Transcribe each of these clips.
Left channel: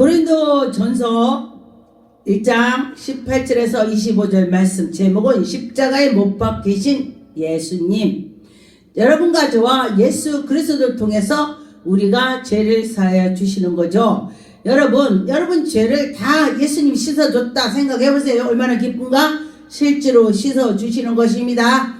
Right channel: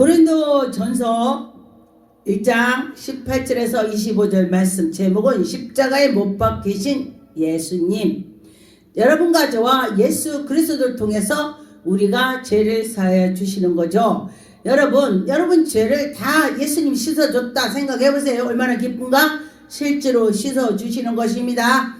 고린도전서 1장 18절에서 25절 말씀, 제목은 십자가에 못 박히신 예수님. 여러분과 저와 예수 그리스도를 통해서 우리가 죄를 사하여 주시는 거죠. 여러분 죄를 다 예수님 씻어줬다 생각해 보세요. 얼마나 기쁜가? 실제로 씻어주시는 것입니다.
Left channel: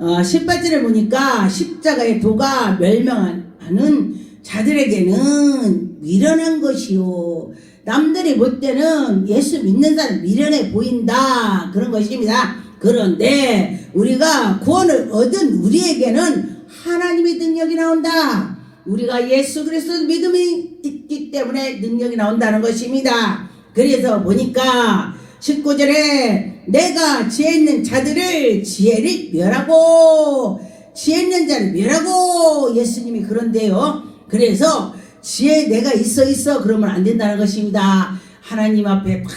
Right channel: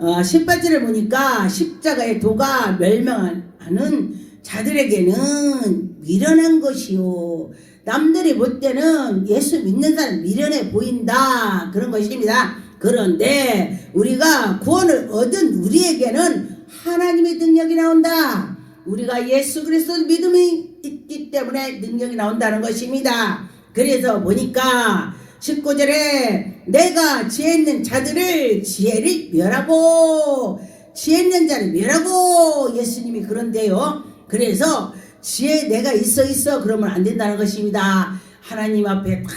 18절에 보니까 십자가의 도가 멸망하는 자들에게는 미련한 것이요, 남들이 볼 때는 예수 믿는 사람 미련해 보인다, 그런 것입니다. 그런데 우리가 구원을 얻은 우리에게는 하나님의 능력이 나온다. 우리가 예수 그리스도 믿음이 있기 때문에 능력이 나온다는 것입니다. 그래서 보니까 19절에 내가 지혜 있는 자들을 지혜를 멸하고, 지혜 있는 자를 멸하고, 예수님이 그런데요. 그래서 지혜 내가 있어 그러면 안 된다는 것입니다. 하나님 앞에 탁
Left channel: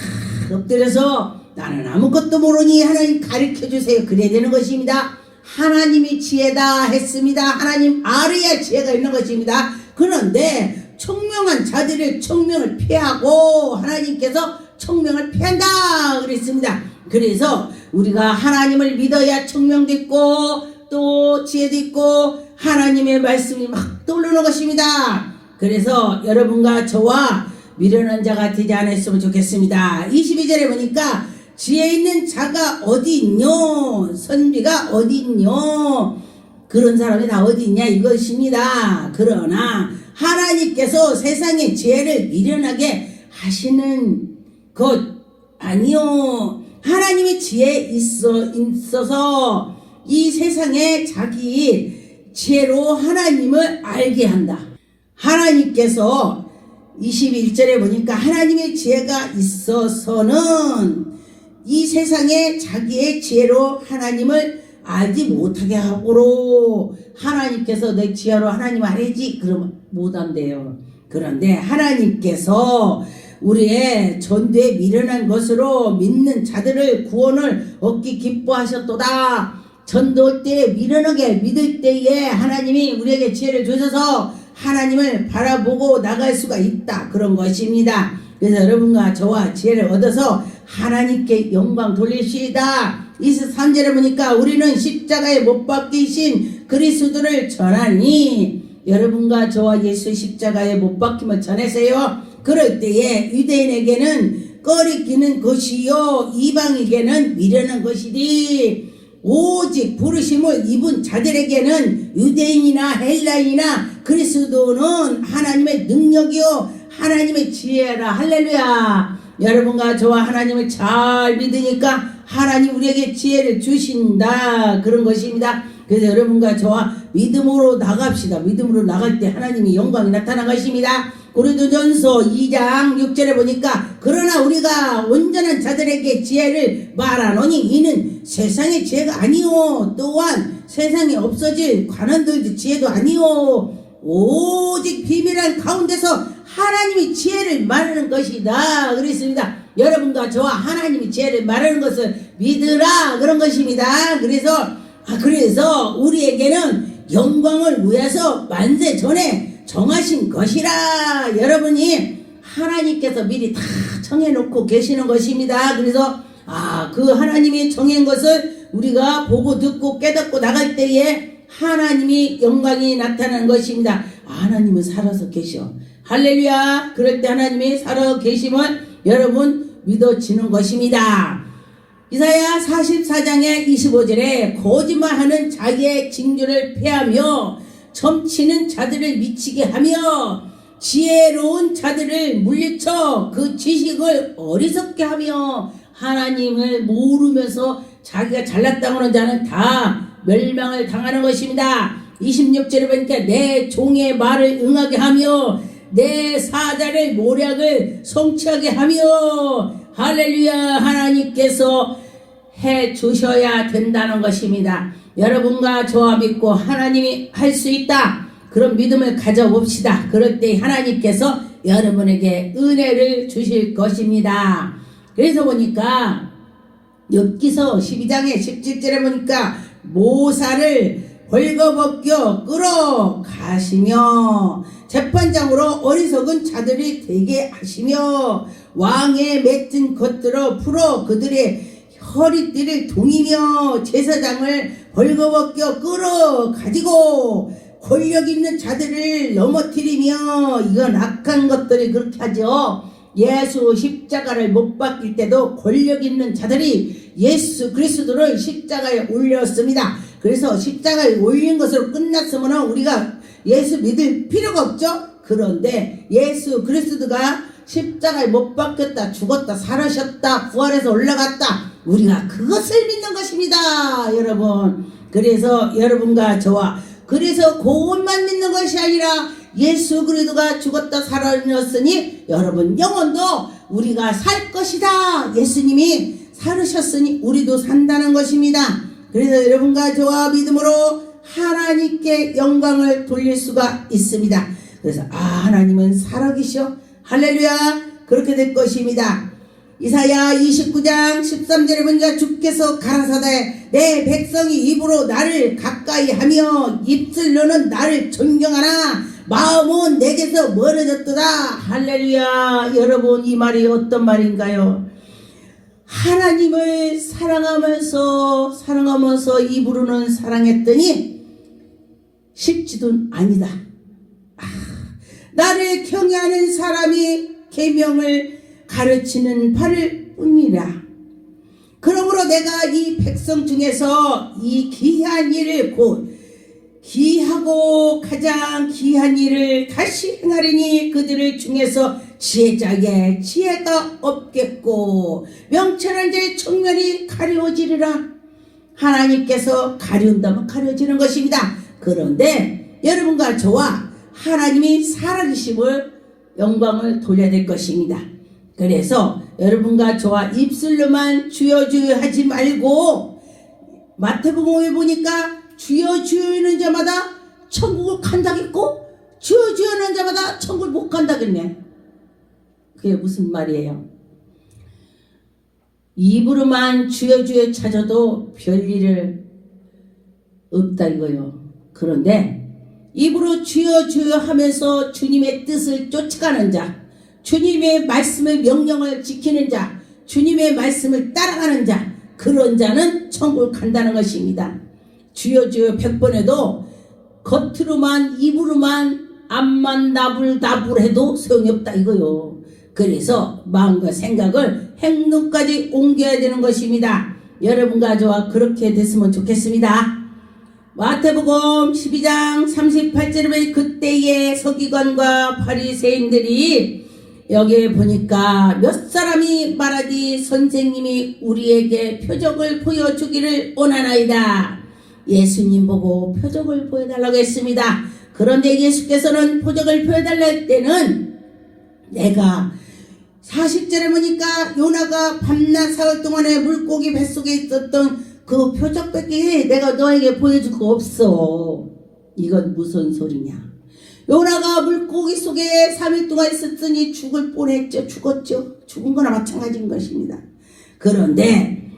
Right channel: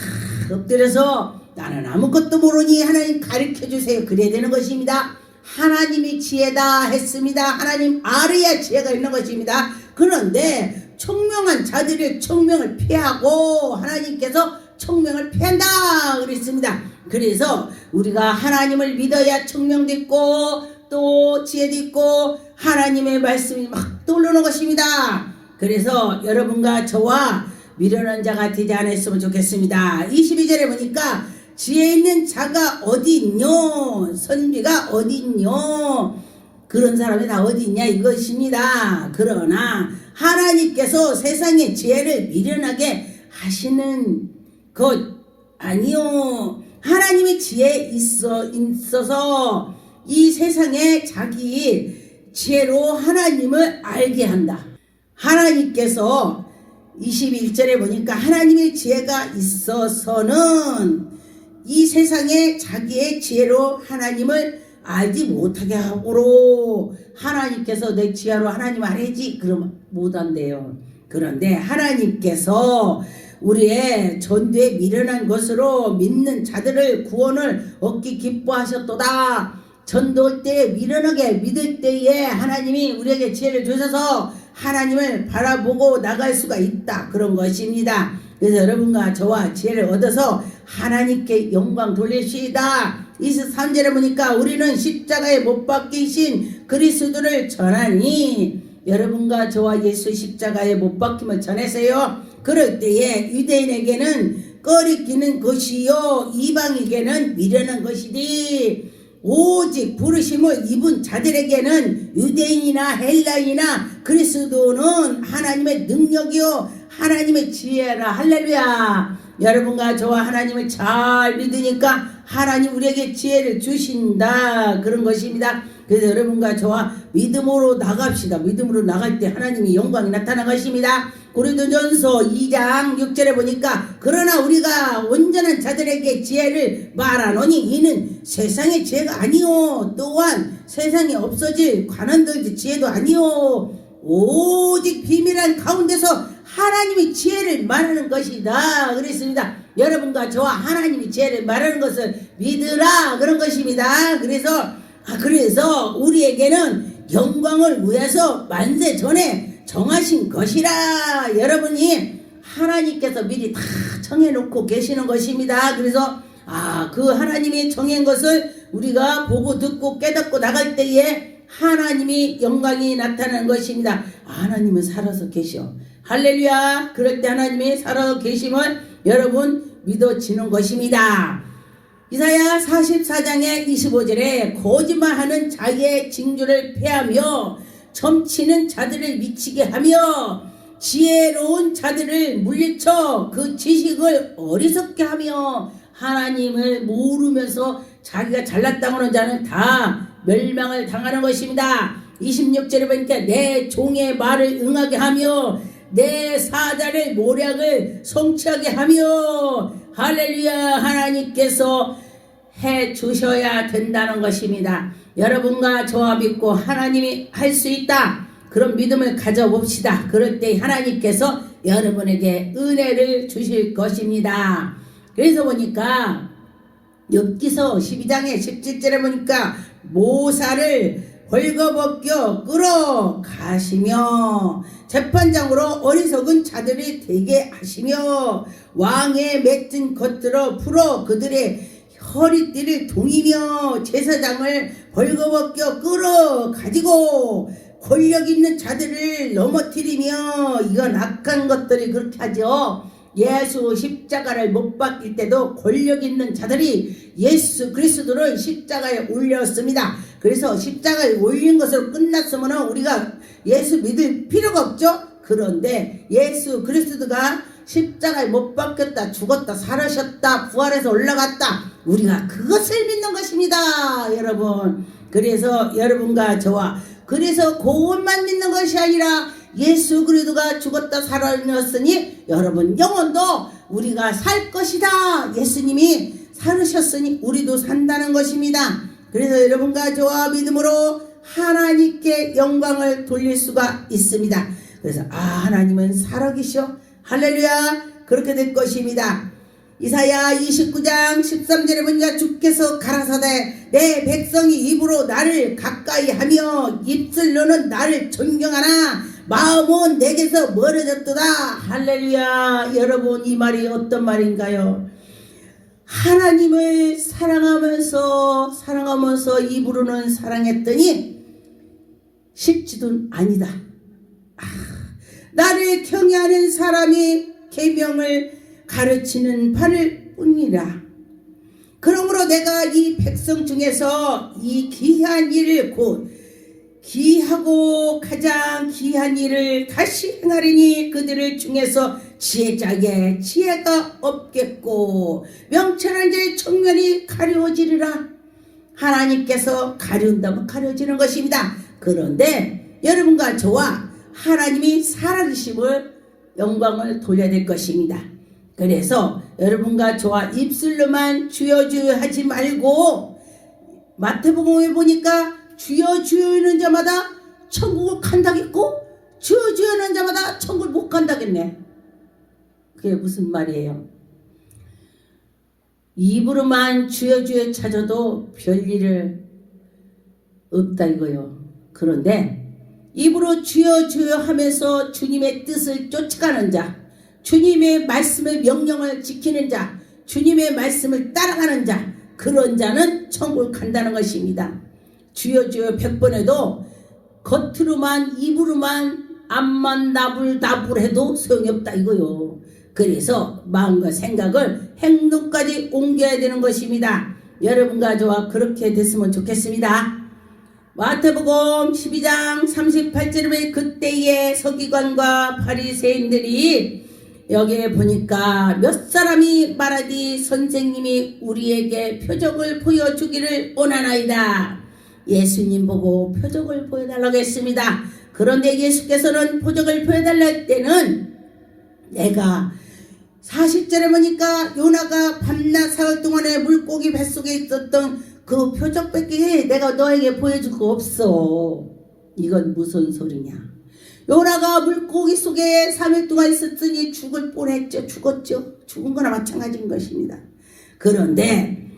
엎드려서 나는 아무것도 모르니 하나님 가르쳐 주세요, 그래야 되는 것입니다. 하나님이 지혜다 했습니다. 하나님 아래야 지혜가 있는 것입니다. 그런데 총명한 자들의 총명을 피하고 하나님께서 총명을 피한다 그랬습니다. 그래서 우리가 하나님을 믿어야 총명도 있고 또 지혜도 있고 하나님의 말씀이 막 떠오르는 것입니다. 그래서 여러분과 저와 미련한 자가 되지 않았으면 좋겠습니다. 22절에 보니까 지혜 있는 자가 어디 있뇨, 선비가 어디 있뇨, 그런 사람이 다 어디 있냐 이것입니다. 그러나 하나님께서 세상의 지혜를 미련하게 하시는 것 아니요, 하나님의 지혜 있어서 이 세상에 자기 지혜로 하나님을 알게 한다. 하나님께서 21절에 보니까 하나님의 지혜가 있어서는 이 세상에 자기의 지혜로 하나님을 알지 못하게 하고로, 하나님께서 내 지혜로 하나님 알지 그러면 못한대요. 그런데 하나님께서 우리의 전도에 미련한 것으로 믿는 자들을 구원을 얻기 기뻐하셨도다. 전도할 때 미련하게 믿을 때에 하나님이 우리에게 지혜를 주셔서 하나님을 바라보고 나갈 수가 있다, 그런 것입니다. 그래서 여러분과 저와 지혜를 얻어서 하나님께 영광 돌리시다. 23절에 보니까 우리는 십자가에 못 박히신 그리스도를 전하니, 여러분과 저와 예수 십자가에 못 박힘을 전해서요, 그럴 때에 유대인에게는 꺼리끼는 것이요 이방에게는 미련한 것이니, 오직 부르심을 입은 자들에게는 유대인이나 헬라인이나 그리스도는 하나님의 능력이요 하나님의 지혜라. 할렐루야. 여러분과 저와 하나님을 잘 믿으니까 하나님 우리에게 지혜를 주신다, 그런 것입니다. 그래서 여러분과 저와 믿음으로 나갑시다. 믿음으로 나갈 때 하나님의 영광이 나타난 것입니다. 고린도전서 2장 6절에 보니까 그러나 우리가 온전한 자들에게 지혜를 말하노니 이는 세상의 지혜가 아니요, 또한 세상에 없어질 관원들의 지혜도 아니요, 오직 비밀한 가운데서 하나님의 지혜를 말하는 것이다 그랬습니다. 여러분과 저와 하나님의 지혜를 말하는 것을 믿으라, 그런 것입니다. 그래서 우리에게는 영광을 위해서 만세 전에 정하신 것이라. 여러분이 하나님께서 미리 다 정해놓고 계시는 것입니다. 그래서 그 하나님이 정한 것을 우리가 보고 듣고 깨닫고 나갈 때에 하나님이 영광이 나타나는 것입니다. 하나님은 살아서 계셔. 할렐루야. 그럴 때 하나님이 살아 계시면 여러분 믿어지는 것입니다. 이사야 44장의 25절에 거짓말하는 자기의 징조를 폐하며 점치는 자들을 미치게 하며 지혜로운 자들을 물리쳐 그 지식을 어리석게 하며, 하나님을 모르면서 자기가 잘났다고 하는 자는 다 멸망을 당하는 것입니다. 26절에 보니까 내 종의 말을 응하게 하며 내 사자를 모략을 성취하게 하며, 할렐루야. 하나님께서 해 주셔야 된다는 것입니다. 여러분과 저와 믿고 하나님이 할 수 있다, 그런 믿음을 가져봅시다. 그럴 때 하나님께서 여러분에게 은혜를 주실 것입니다. 그래서 보니까 욥기서 12장의 17절에 보니까 모사를 벌거벗겨 끌어가시며 재판장으로 어리석은 자들이 되게 하시며 왕의 맺은 것들을 풀어 그들의 허리띠를 동이며 제사장을 벌거벗겨 끌어가지고 권력 있는 자들을 넘어뜨리며 이건 악한 것들이 그렇게 하죠. 예수 십자가를 못 박힐 때도 권력 있는 자들이 예수 그리스도를 십자가에 올렸습니다. 그래서 십자가에 올린 것으로 끝났으면 우리가 예수 믿을 필요가 없죠. 그런데 예수 그리스도가 십자가에 못 박혔다, 죽었다, 살아셨다, 부활해서 올라갔다, 우리가 그것을 믿는 것입니다, 여러분. 그래서 여러분과 저와 그래서 그것만 믿는 것이 아니라 예수 그리스도가 죽었다 살아났으니 여러분 영혼도 우리가 살 것이다. 예수님이 살으셨으니 우리도 산다는 것입니다. 그래서 여러분과 저와 믿음으로 하나님께 영광을 돌릴 수가 있습니다. 그래서 하나님은 살아계셔. 할렐루야. 그렇게 될 것입니다. 이사야 29장 13절에 보니까 주께서 가라사대 내 백성이 입으로 나를 가까이 하며 입술로는 나를 존경하나 마음은 내게서 멀어졌도다. 할렐루야. 여러분 이 말이 어떤 말인가요? 하나님을 사랑하면서 입으로는 사랑했더니 쉽지도 아니다. 나를 경외하는 사람이 계명을 가르치는 바를 뿐이라. 그러므로 내가 이 백성 중에서 이 귀한 일을 곧 귀하고 가장 귀한 일을 다시 행하리니 그들을 중에서 지혜자의 지혜가 없겠고 명철한 자의 청면이 가려지리라. 하나님께서 가려운다면 가려지는 것입니다. 그런데 여러분과 저와 하나님이 살아계심을 영광을 돌려야 될 것입니다. 그래서 여러분과 저와 입술로만 주여 주여 하지 말고 마태복음에 보니까 주여 주여 하는 자마다 천국을 간다겠고 주여 주여 하는 자마다 천국을 못 간다겠네. 그게 무슨 말이에요? 입으로만 주여 주여 찾아도 별일을 없다 이거요. 그런데 입으로 주여 주여 하면서 주님의 뜻을 쫓아가는 자, 주님의 말씀의 명령을 지키는 자, 주님의 말씀을 따라가는 자, 그런 자는 천국을 간다는 것입니다. 주여 주여 100번 해도 겉으로만 입으로만 앞만 나불나불해도 소용이 없다 이거요. 그래서 마음과 생각을 행동까지 옮겨야 되는 것입니다. 여러분과 저와 그렇게 됐으면 좋겠습니다. 마태복음 12장 38절에 그때의 서기관과 바리새인들이 여기에 보니까 몇 사람이 말하디 선생님이 우리에게 표적을 보여주기를 원하나이다. 예수님 보고 표적을 보여달라고 했습니다. 그런데 예수께서는 표적을 보여달라 할 때는 내가 40절에 보니까 요나가 밤낮 사흘 동안에 물고기 뱃속에 있었던 그 표적밖에 내가 너에게 보여줄 거 없어. 이건 무슨 소리냐. 요나가 물고기 속에 3일 동안 있었으니 죽을 뻔했죠. 죽었죠. 죽은 거나 마찬가지인 것입니다. 그런데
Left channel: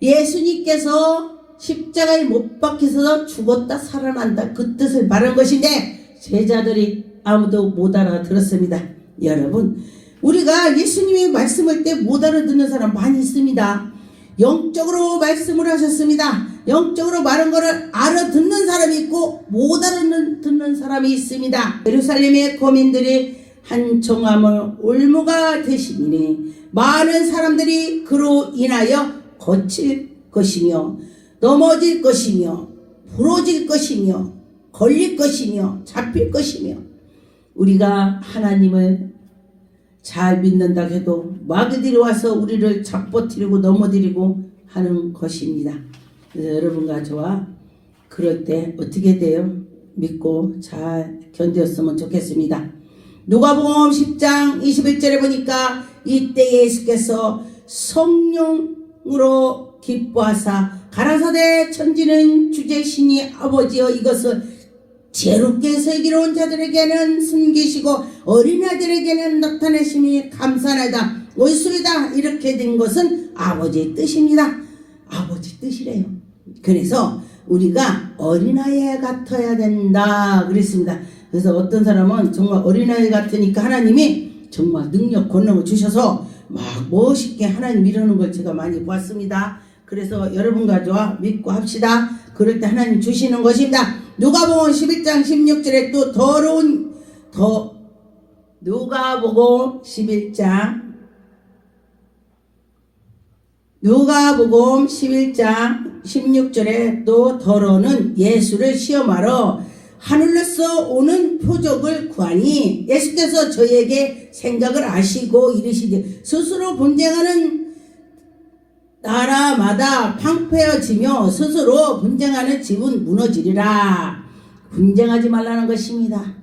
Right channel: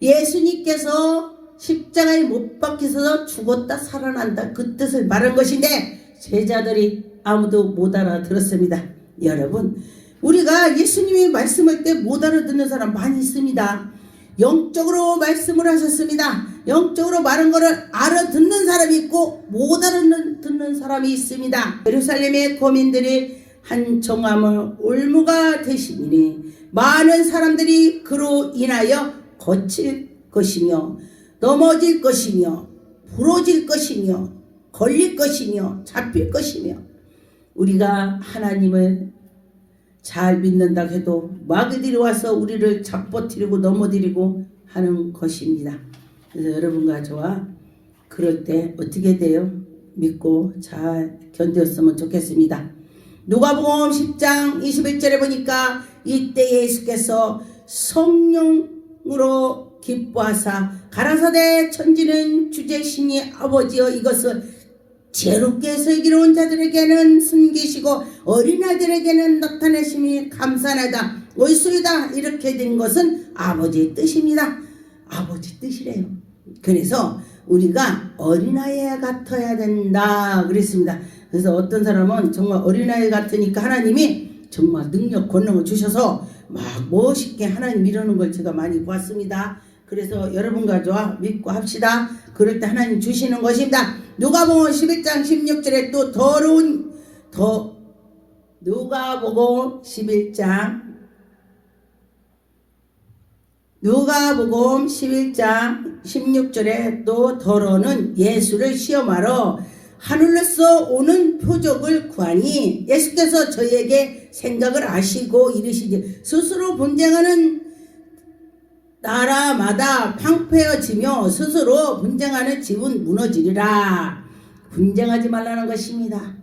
예수님께서 십자가에 못 박혀서 죽었다 살아난다 그 뜻을 말한 것인데 제자들이 아무도 못 알아들었습니다. 여러분 우리가 예수님이 말씀할 때 못 알아듣는 사람 많이 있습니다. 영적으로 말씀을 하셨습니다. 영적으로 말한 거를 알아듣는 사람이 있고 못 알아듣는 사람이 있습니다. 예루살렘의 거민들이 한 정함을 올무가 되시니 많은 사람들이 그로 인하여 거칠 것이며 넘어질 것이며 부러질 것이며 걸릴 것이며 잡힐 것이며 우리가 하나님을 잘 믿는다 해도 마귀들이 와서 우리를 잡아뜨리고 넘어뜨리고 하는 것입니다. 그래서 여러분과 저와 그럴 때 어떻게 돼요? 믿고 잘 견뎠으면 좋겠습니다. 누가복음 10장 21절에 보니까 이때 예수께서 성령으로 기뻐하사 가라사대 천지는 주제신이 아버지여 이것을 죄롭게 슬기로운 자들에게는 숨기시고 어린아이들에게는 나타내심이 감사하다 옳소이다 이렇게 된 것은 아버지의 뜻입니다. 아버지 뜻이래요. 그래서 우리가 어린아이 같아야 된다 그랬습니다. 그래서 어떤 사람은 정말 어린아이 같으니까 하나님이 정말 능력 권능을 주셔서 막 멋있게 하나님 이루는 걸 제가 많이 봤습니다. 그래서 여러분과 저와 믿고 합시다. 그럴 때 하나님 주시는 것입니다. 누가복음 11장 16절에 또 누가복음 11장 16절에 또 더러는 예수를 시험하러 하늘로서 오는 표적을 구하니 예수께서 저희에게 생각을 아시고 이르시되 스스로 분쟁하는 나라마다 황폐해지며 스스로 분쟁하는 집은 무너지리라. 분쟁하지 말라는 것입니다.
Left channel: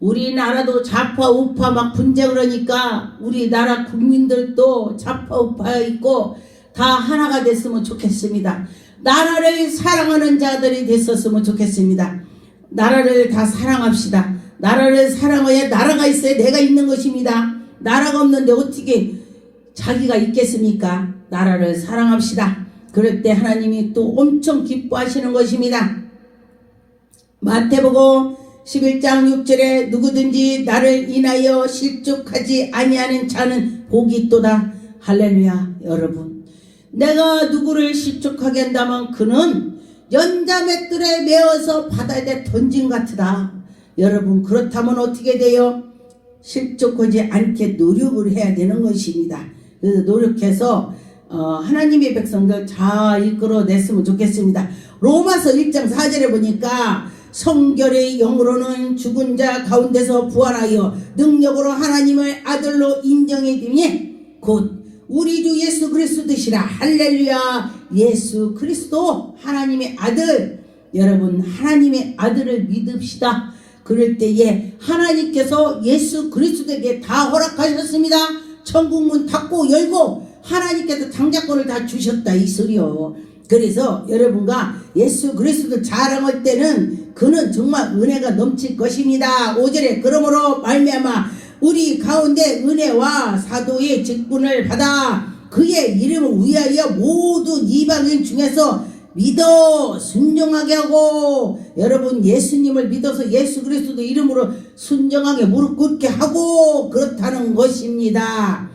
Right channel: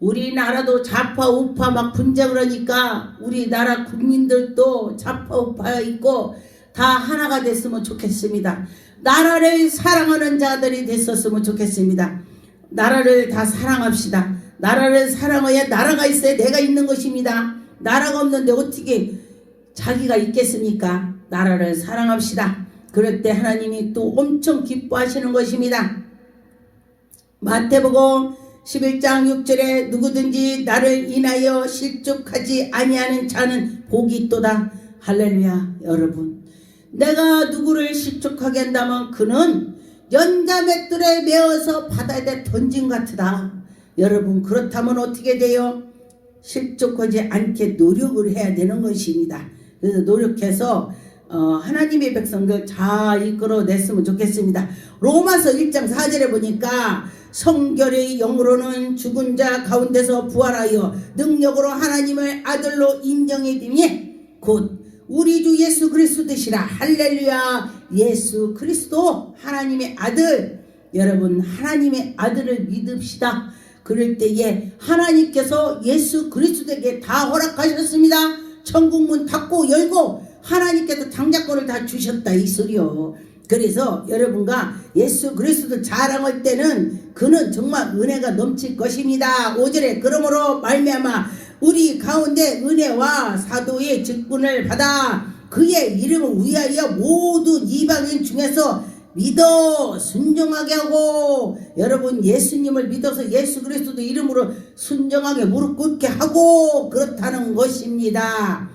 우리나라도 좌파우파 막 분쟁을 하니까 우리나라 국민들도 좌파우파 있고 다 하나가 됐으면 좋겠습니다. 나라를 사랑하는 자들이 됐었으면 좋겠습니다. 나라를 다 사랑합시다. 나라를 사랑해야 나라가 있어야 내가 있는 것입니다. 나라가 없는데 어떻게 자기가 있겠습니까? 나라를 사랑합시다. 그럴 때 하나님이 또 엄청 기뻐하시는 것입니다. 마태복음 11장 6절에 누구든지 나를 인하여 실족하지 아니하는 자는 복이 있도다. 할렐루야. 여러분, 내가 누구를 실족하게 한다면 그는 연자맷돌에 메어서 바다에 던진 같으다. 여러분, 그렇다면 어떻게 돼요? 실족하지 않게 노력을 해야 되는 것입니다. 그래서 노력해서 하나님의 백성들 잘 이끌어냈으면 좋겠습니다. 로마서 1장 4절에 보니까 성결의 영으로는 죽은 자 가운데서 부활하여 능력으로 하나님의 아들로 인정해 주니 곧 우리 주 예수 그리스도시라. 할렐루야. 예수 그리스도 하나님의 아들. 여러분, 하나님의 아들을 믿읍시다. 그럴 때에 하나님께서 예수 그리스도에게 다 허락하셨습니다. 천국문 닫고 열고 하나님께서 장자권을 다 주셨다 이 소리요. 그래서 여러분과 예수 그리스도 자랑할 때는 그는 정말 은혜가 넘칠 것입니다. 5절에 그러므로 말미암아 우리 가운데 은혜와 사도의 직분을 받아 그의 이름을 위하여 모든 이방인 중에서 믿어 순종하게 하고, 여러분 예수님을 믿어서 예수 그리스도 이름으로 순종하게 무릎 꿇게 하고 그렇다는 것입니다.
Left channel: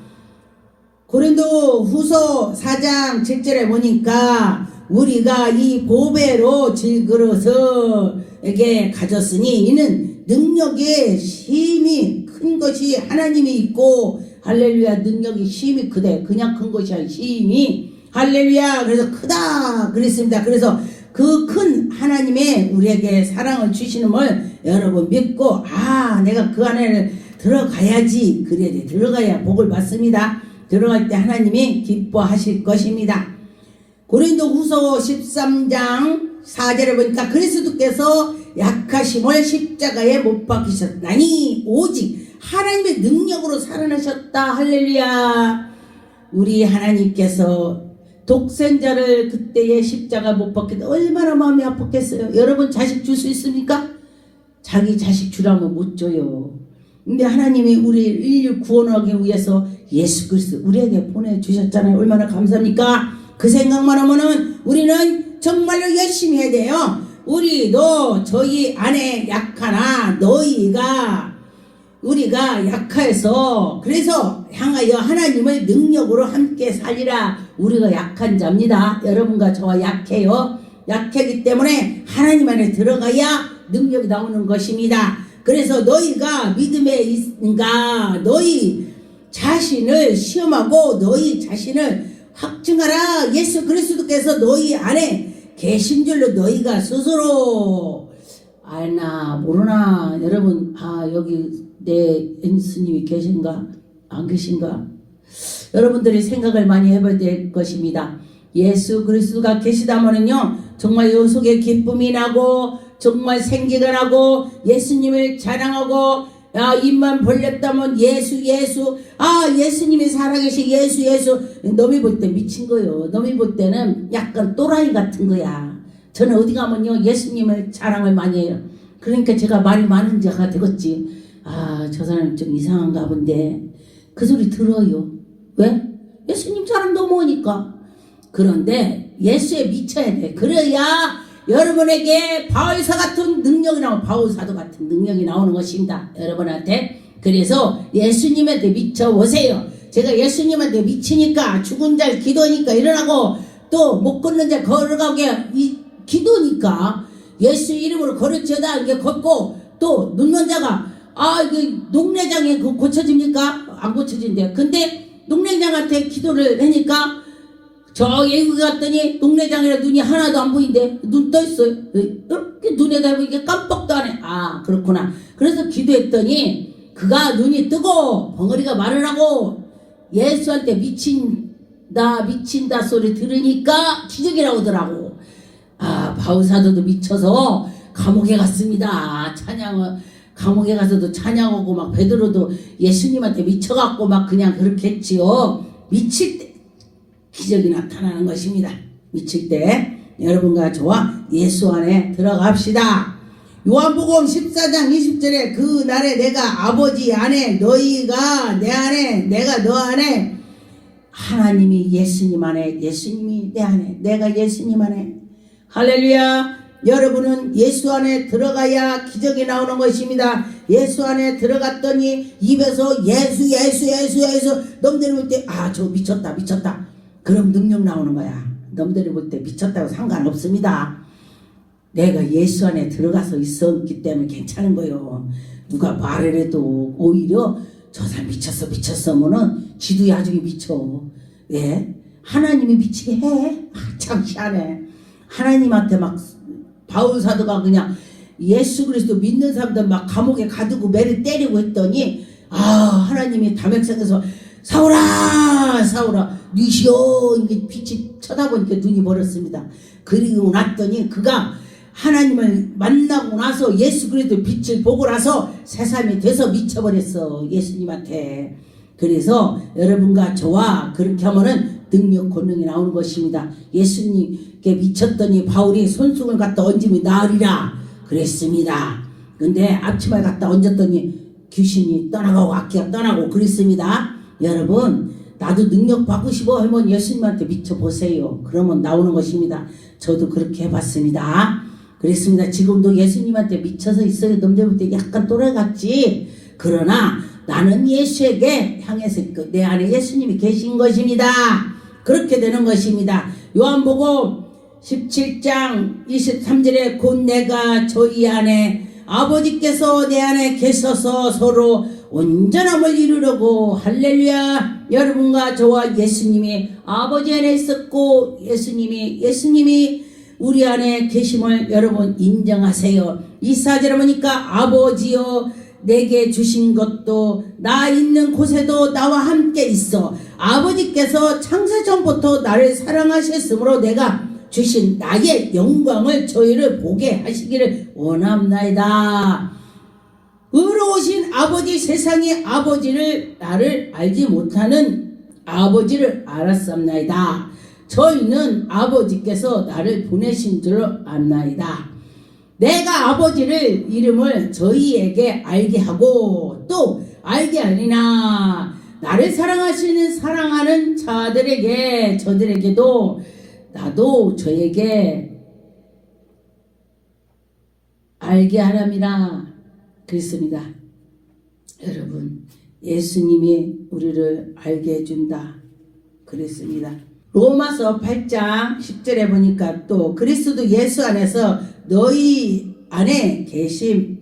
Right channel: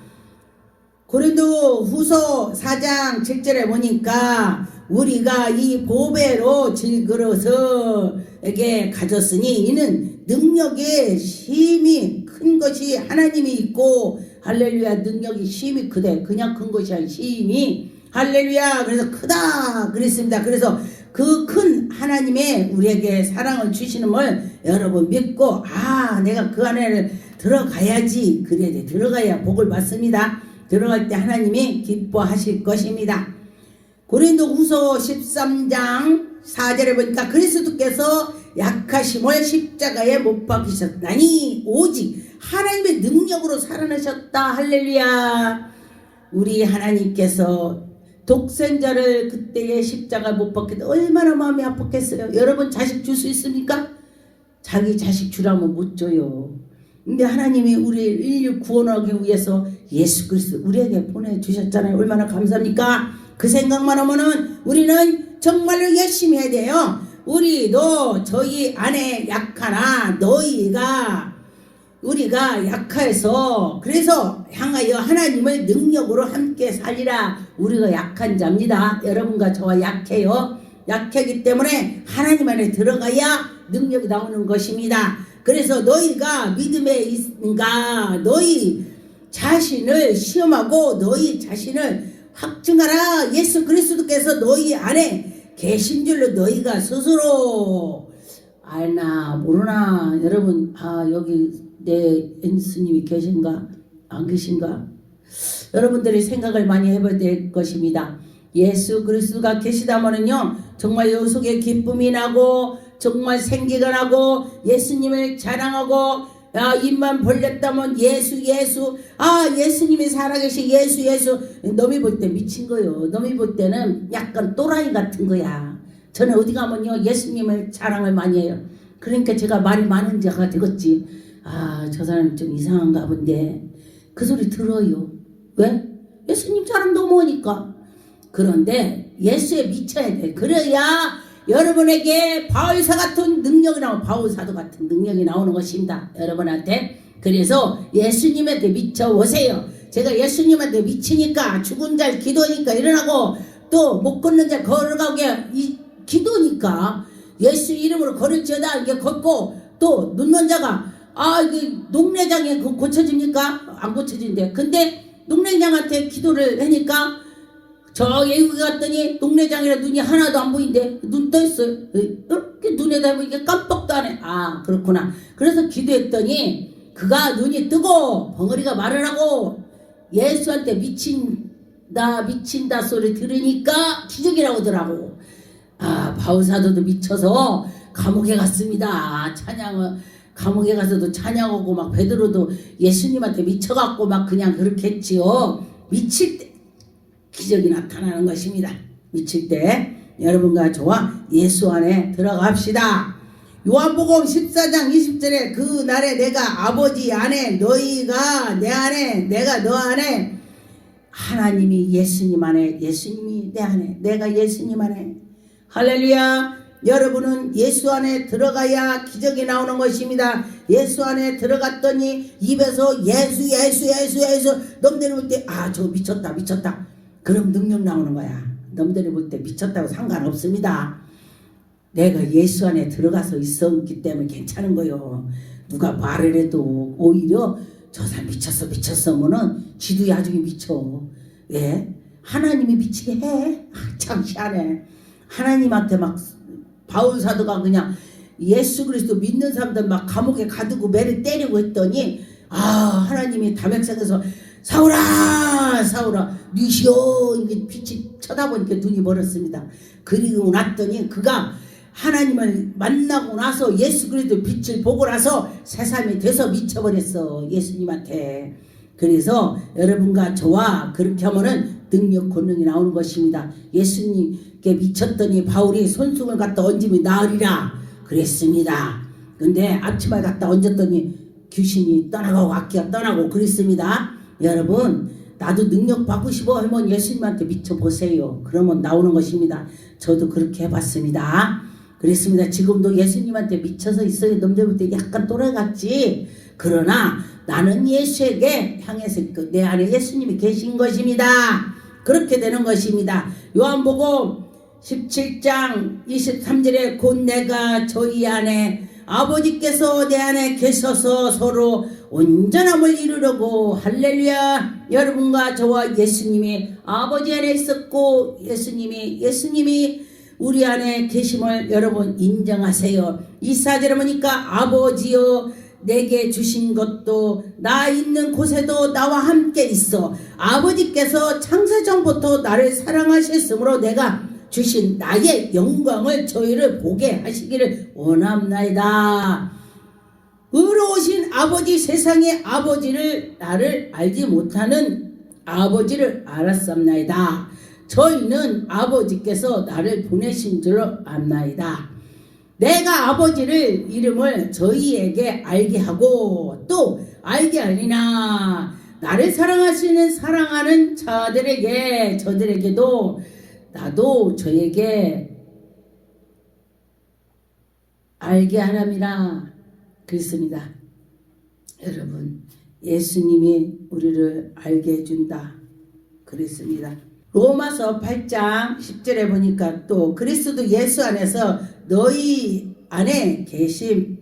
고린도 후서 4장 7절에 보니까 우리가 이 보배로 질그릇에게 가졌으니 이는 능력의 힘이 큰 것이 하나님이 있고, 할렐루야. 능력이 힘이 크대. 그냥 큰 것이 아니라 힘이, 할렐루야. 그래서 크다 그랬습니다. 그래서 그 큰 하나님의 우리에게 사랑을 주시는 걸 여러분 믿고, 내가 그 안에 들어가야지. 그래야 돼. 들어가야 복을 받습니다. 들어갈 때 하나님이 기뻐하실 것입니다. 고린도 후서 13장 4절에 보니까 그리스도께서 약하심을 십자가에 못 박히셨나니 오직 하나님의 능력으로 살아나셨다. 할렐루야. 우리 하나님께서 독생자를 그때의 십자가 못 박힐 때 얼마나 마음이 아팠겠어요. 여러분 자식 줄 수 있습니까? 자기 자식 주라면 못 줘요. 근데 하나님이 우리 인류 구원하기 위해서 예수 그리스도 우리에게 보내주셨잖아요. 얼마나 감사합니까? 그 생각만 하면은 우리는 정말로 열심히 해야 돼요. 우리도 저희 안에 약하나 우리가 약해서 그래서 향하여 하나님의 능력으로 함께 살리라. 우리가 약한 자입니다. 여러분과 저와 약해요. 약하기 때문에 하나님 안에 들어가야 능력이 나오는 것입니다. 그래서 너희가 믿음에 있는가 너희 자신을 시험하고 너희 자신을 확증하라. 예수 그리스도께서 너희 안에 계신 줄로 너희가 스스로 알나 모르나. 여러분 여기 내 예수님이 계신가 안 계신가? 여러분들이 생각을 많이 해봐야 될 것입니다. 예수 그리스도가 계시다면은요 정말 요 속에 기쁨이 나고 정말 생기가 나고 예수님을 자랑하고 입만 벌렸다면 예수 예수님이 살아계신 예수. 너미 볼 때 미친 거요. 너미 볼 때는 약간 또라이 같은 거야. 저는 어디 가면요 예수님을 자랑을 많이 해요. 그러니까 제가 말이 많은 자가 되겠지. 저 사람 좀 이상한가 본데 그 소리 들어요. 왜? 예수님 자랑 너무 하니까. 그런데 예수에 미쳐야 돼. 그래야 여러분에게 바울사 같은 능력이 바울사도 같은 능력이 나오는 것입니다. 여러분한테. 그래서 예수님한테 미쳐보세요. 제가 예수님한테 미치니까 죽은 자 기도니까 일어나고 또 못 걷는 자 걸어가게 기도니까 예수 이름으로 걸을지어다 이게 걷고 또 눕는 자가 이게 농내장에 고쳐집니까? 안 고쳐진대요. 근데 농내장한테 기도를 하니까 저 외국 갔더니 농내장이라 눈이 하나도 안 보인대. 눈 떠있어요. 이렇게 눈에다 보니까 깜빡도 안 해. 그렇구나. 그래서 기도했더니 그가 눈이 뜨고 벙어리가 말을 하고 예수한테 미친다 소리 들으니까 기적이 나오더라고. 바울사도도 미쳐서 감옥에 갔습니다. 감옥에 가서도 찬양하고 막 베드로도 예수님한테 미쳐갖고 막 그냥 그렇게 했지요. 미칠 때 기적이 나타나는 것입니다. 미칠 때 여러분과 저와 예수 안에 들어갑시다. 요한복음 14장 20절에 그 날에 내가 아버지 안에 너희가 내 안에 내가 너 안에 하나님이 예수님 안에 예수님이 내 안에 내가 예수님 안에 할렐루야. 여러분은 예수 안에 들어가야 기적이 나오는 것입니다. 예수 안에 들어갔더니 입에서 예수 넘들이 볼 때 저 미쳤다 그럼 능력 나오는 거야. 넘들이 볼 때 미쳤다고 상관없습니다. 내가 예수 안에 들어가서 있었기 때문에 괜찮은 거요. 누가 말을 해도 오히려 저 사람 미쳤으면은 지도 나중에 미쳐. 예? 하나님이 미치게 해. 참 희한해. 하나님한테 막 바울사도가 그냥 예수 그리스도 믿는 사람들 막 감옥에 가두고 매를 때리고 했더니 하나님이 담액색에서 사울아 니시여 이게 빛이 쳐다보니까 눈이 멀었습니다. 그리고 났더니 그가 하나님을 만나고 나서 예수 그리스도 빛을 보고 나서 새삼이 돼서 미쳐버렸어. 예수님한테. 그래서 여러분과 저와 그렇게 하면은 능력 권능이 나오는 것입니다. 예수님께 미쳤더니 바울이 손수건을 갖다 얹으면 나으리라 그랬습니다. 근데 앞치마에 갖다 얹었더니 귀신이 떠나가고 악기가 떠나고 그랬습니다. 여러분 나도 능력 받고 싶어 하면 예수님한테 미쳐보세요. 그러면 나오는 것입니다. 저도 그렇게 해봤습니다. 그랬습니다. 지금도 예수님한테 미쳐서 있어요. 놈들부터 약간 돌아갔지. 그러나 나는 예수에게 향해서 내 안에 예수님이 계신 것입니다. 그렇게 되는 것입니다. 요한복음 17장 23절에 곧 내가 저희 안에 아버지께서 내 안에 계셔서 서로 온전함을 이루려고 할렐루야. 여러분과 저와 예수님이 아버지 안에 있었고 예수님이 우리 안에 계심을 여러분 인정하세요. 24절에 보니까 아버지여 내게 주신 것도 나 있는 곳에도 나와 함께 있어. 아버지께서 창세전부터 나를 사랑하셨으므로 내가 주신 나의 영광을 저희를 보게 하시기를 원합나이다. 의로우신 아버지 세상의 아버지를 나를 알지 못하는 아버지를 알았습나이다. 저희는 아버지께서 나를 보내신 줄 압나이다. 내가 아버지를 이름을 저희에게 알게 하고 또 알게 하리나 나를 사랑하는 자들에게 저들에게도 나도 저에게 알게 하람이라 그랬습니다. 여러분 예수님이 우리를 알게 해준다 그랬습니다. 로마서 8장 10절에 보니까 또 그리스도 예수 안에서 너희 안에 계시면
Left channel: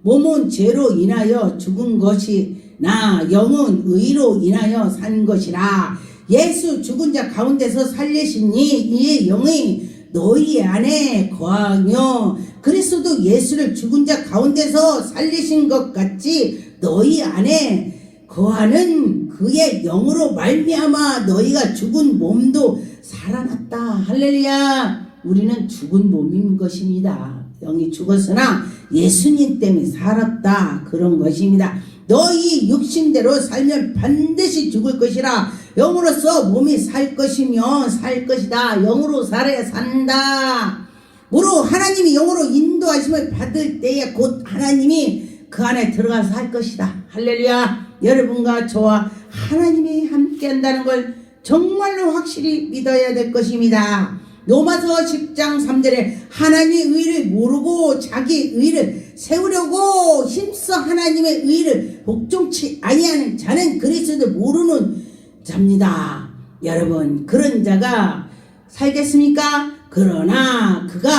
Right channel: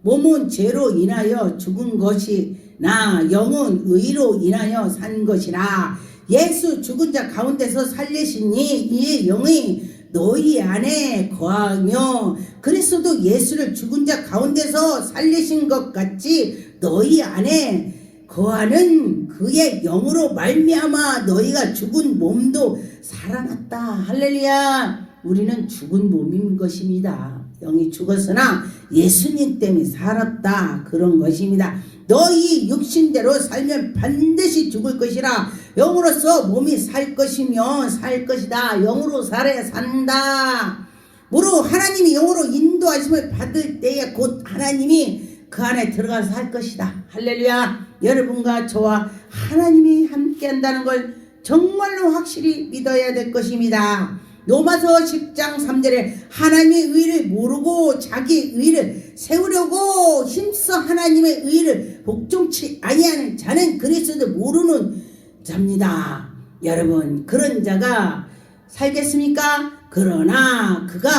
몸은 죄로 인하여 죽은 것이나 영은 의로 인하여 산 것이라. 예수 죽은 자 가운데서 살리시니 이 영이 너희 안에 거하며 그리스도 예수를 죽은 자 가운데서 살리신 것 같이 너희 안에 거하는 그의 영으로 말미암아 너희가 죽은 몸도 살아났다. 할렐루야. 우리는 죽은 몸인 것입니다. 영이 죽었으나 예수님 때문에 살았다. 그런 것입니다. 너희 육신대로 살면 반드시 죽을 것이라. 영으로서 몸이 살 것이면 살 것이다. 영으로 살아야 산다. 무릇 하나님이 영으로 인도하심을 받을 때에 곧 하나님이 그 안에 들어가서 살 것이다. 할렐루야. 여러분과 저와 하나님이 함께 한다는 걸 정말로 확실히 믿어야 될 것입니다. 로마서 10장 3절에 하나님의 의를 모르고 자기 의를 세우려고 힘써 하나님의 의를 복종치 아니하는 자는 그리스도를 모르는 자입니다. 여러분, 그런 자가 살겠습니까? 그러나 그가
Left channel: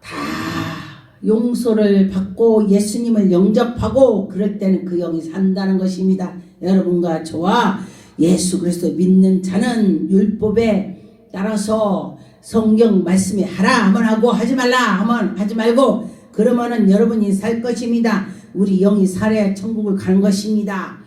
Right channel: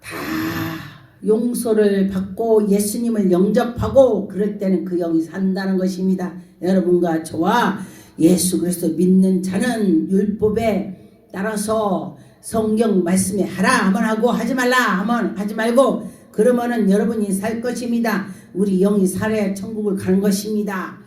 다 용서를 받고 예수님을 영접하고 그럴 때는 그 영이 산다는 것입니다. 여러분과 저와 예수 그리스도 믿는 자는 율법에 따라서 성경 말씀에 하라 하면 하고 하지 말라 하면 하지 말고 그러면은 여러분이 살 것입니다. 우리 영이 살아야 천국을 가는 것입니다.